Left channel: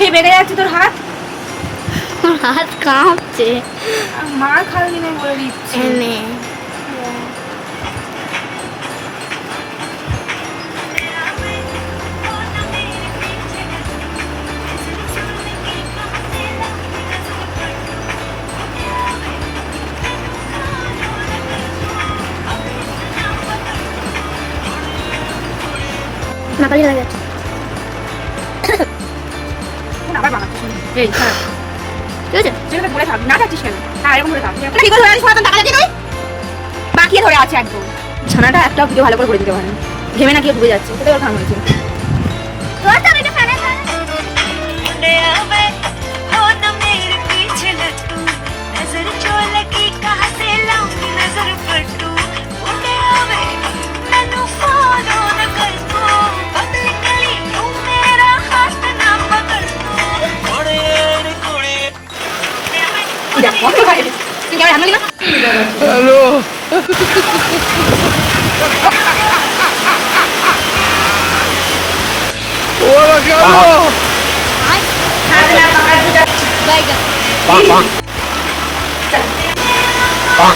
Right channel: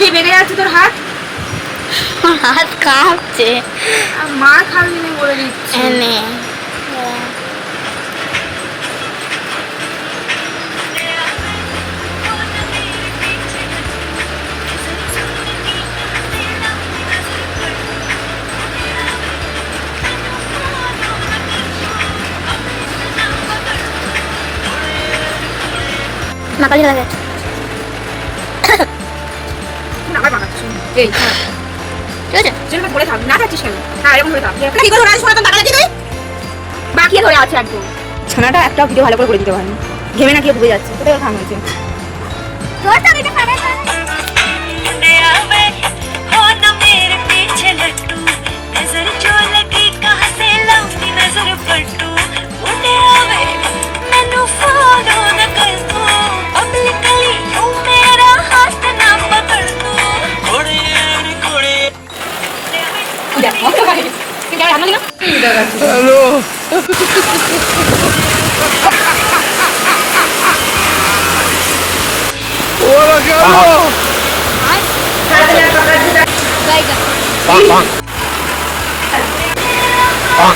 খেয়ে বেগে যাচ্ছে তোর হাত? হাত কাঁপছে। মা খাবি না বলে দিচ্ছি। মাকালি হয়ে গেছে। আবার বানাচ্ছি এই হ্যাঁ ঠিক আছে, যেভাবে ধরে থাক না যাচ্ছিস কেন? হ্যাঁ এরকম ধরে থাক কি করে ধরে আছিস? টাকা লাগি তুই বাকি ধরে আছে একদম। ছানাটা একটা ভিডিও ভালো করে করে দিতে পারেন। ঘেমে না গিয়ে ডুবে যাচ্ছে, কোথায় ওর খান হয়েছে। তোর তো এটা পারে না। হ্যালো ওরা কেন বাইগা পাং পাং পাং